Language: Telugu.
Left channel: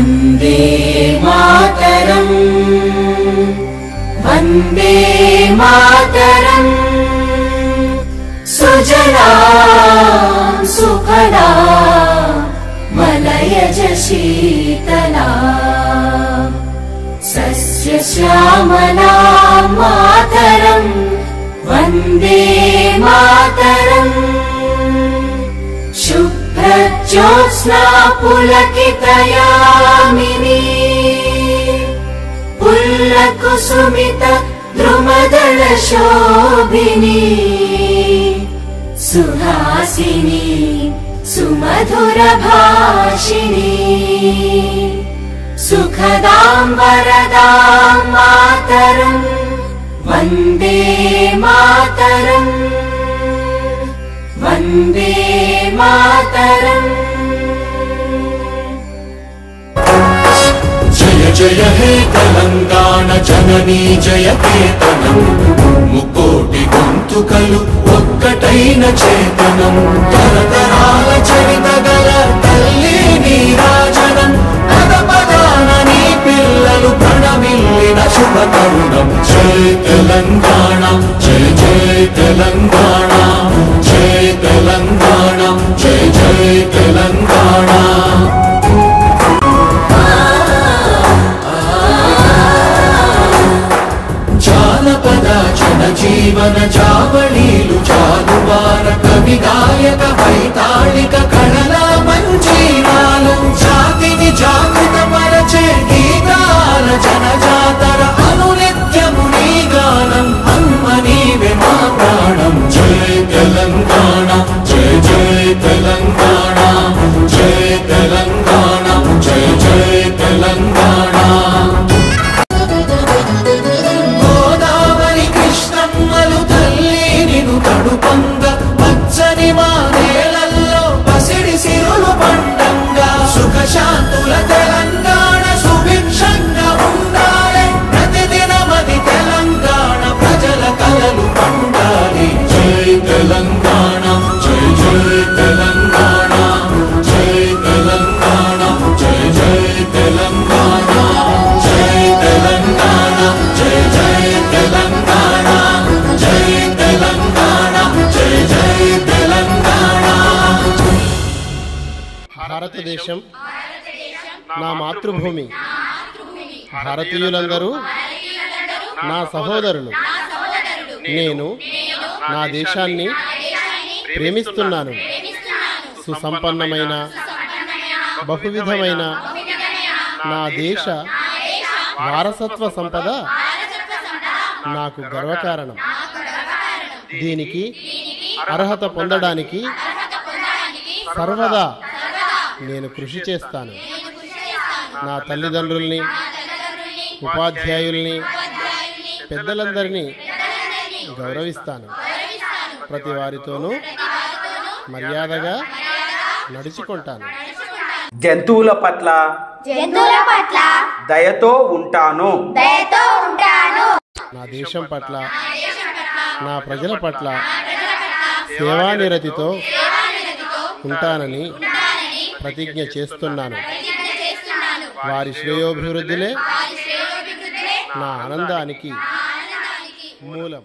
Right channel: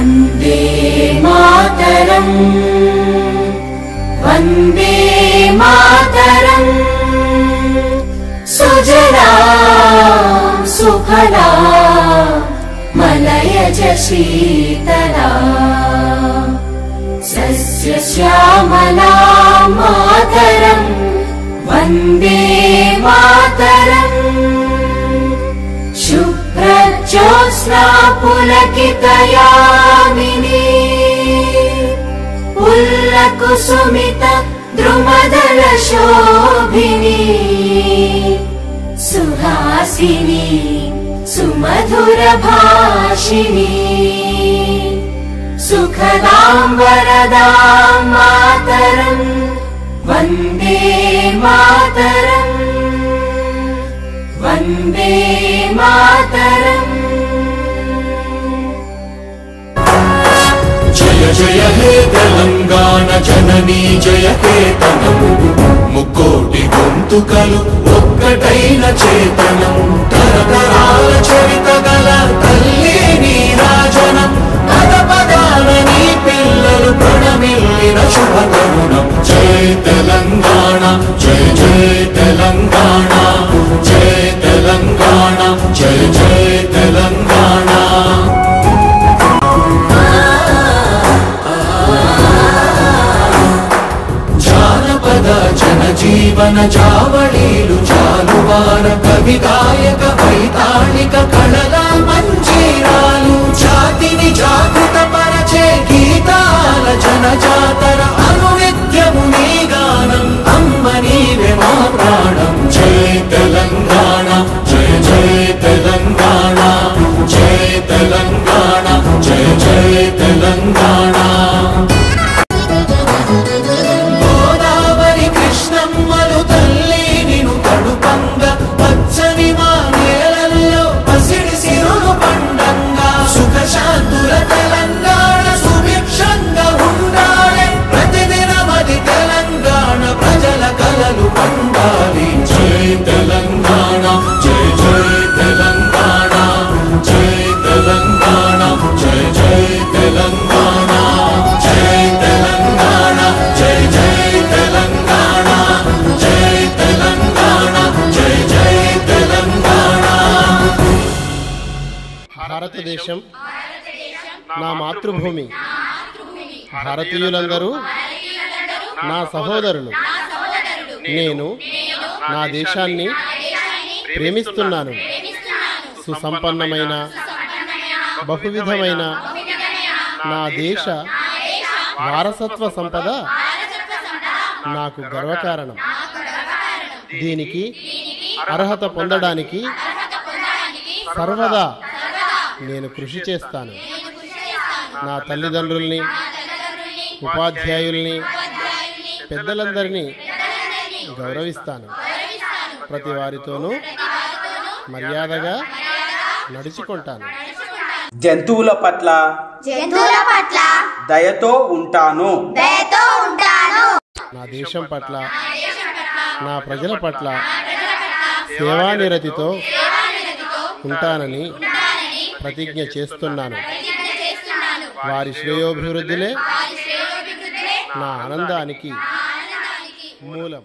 वन्दे मातरम् वन्दे मातरम् सुजलां सुफलां मलयज शीतलां सस्यश्यामलां मातरम् वन्दे मातरम् शुभ्रज्योत्स्ना पुलकितयामिनी पुल्लकुसुमित द्रुमदलशोभिनी सुहासिनी सुमधुरभाषिणी सुखदां वरदां मातरम् वन्दे मातरम् वन्दे मातरम्। जय जय हे तेलंगाण जननी जय केतनम् मुक्कोटि गొంతుకలు ఒక్కటైన చేతనం తరతరాల చరిత గల తల్లి నీరాజనం పద పదాన నీ పిల్లలు ప్రణమిల్లిన శుభ తరుణం జయ తెలంగాణ జయ జయ తెలంగాణ జయ తెలంగాణ జయ జయ తెలంగాణ జీవన చావళీలు చాలువాన కవి గాయక వైతాళిక కళల మంజీరాలు జాతిని జాగృత పరచే గీతాల జనజాతర అనునిత్యము నీ గానం అమ్మ నీవే మా ప్రాణం జయ తెలంగాణ జయ జయ తెలంగాణ జయ తెలంగాణ జయ జయ తెలంగాణ శాంతుల తెలంగాణ సుభిక్షంగా ఉండాలి ప్రతిదినమది తెలంగాణ ప్రజల కలలు పండాలి జై తెలంగాణ జై జై తెలంగాణ జై తెలంగాణ జై జై తెలంగాణ జై తెలంగాణ జై జై తెలంగాణ జై తెలంగాణ జై జై తెలంగాణ। భారతదేశం నా మాతృభూమి. భారతీయులందరూ నా సహోదరులు. నేను నా దేశాన్ని ప్రేమిస్తున్నాను. సుసంపన్నమైన బహువిధమైన నా దేశ వారసత్వ సంపద నాకు గర్వకారణం. దీనికి అర్హత పొందడానికి సర్వదా నేను కృషి చేస్తాను. నా తల్లిదండ్రుల్ని, ఉపాధ్యాయుల్ని, పెద్దలందరినీ గౌరవిస్తాను. ప్రతి వారితోనూ మర్యాదగా నడుచుకుంటాను. జంతువుల పట్ల దయతో ఉంటాను. నా దేశం పట్ల, నా ప్రజల పట్ల సేవానిరతితో ఉంటానని ప్రతిజ్ఞ చేస్తున్నాను. వారి శ్రేయోభివృద్ధిలే నా ఆనందానికి మూలం.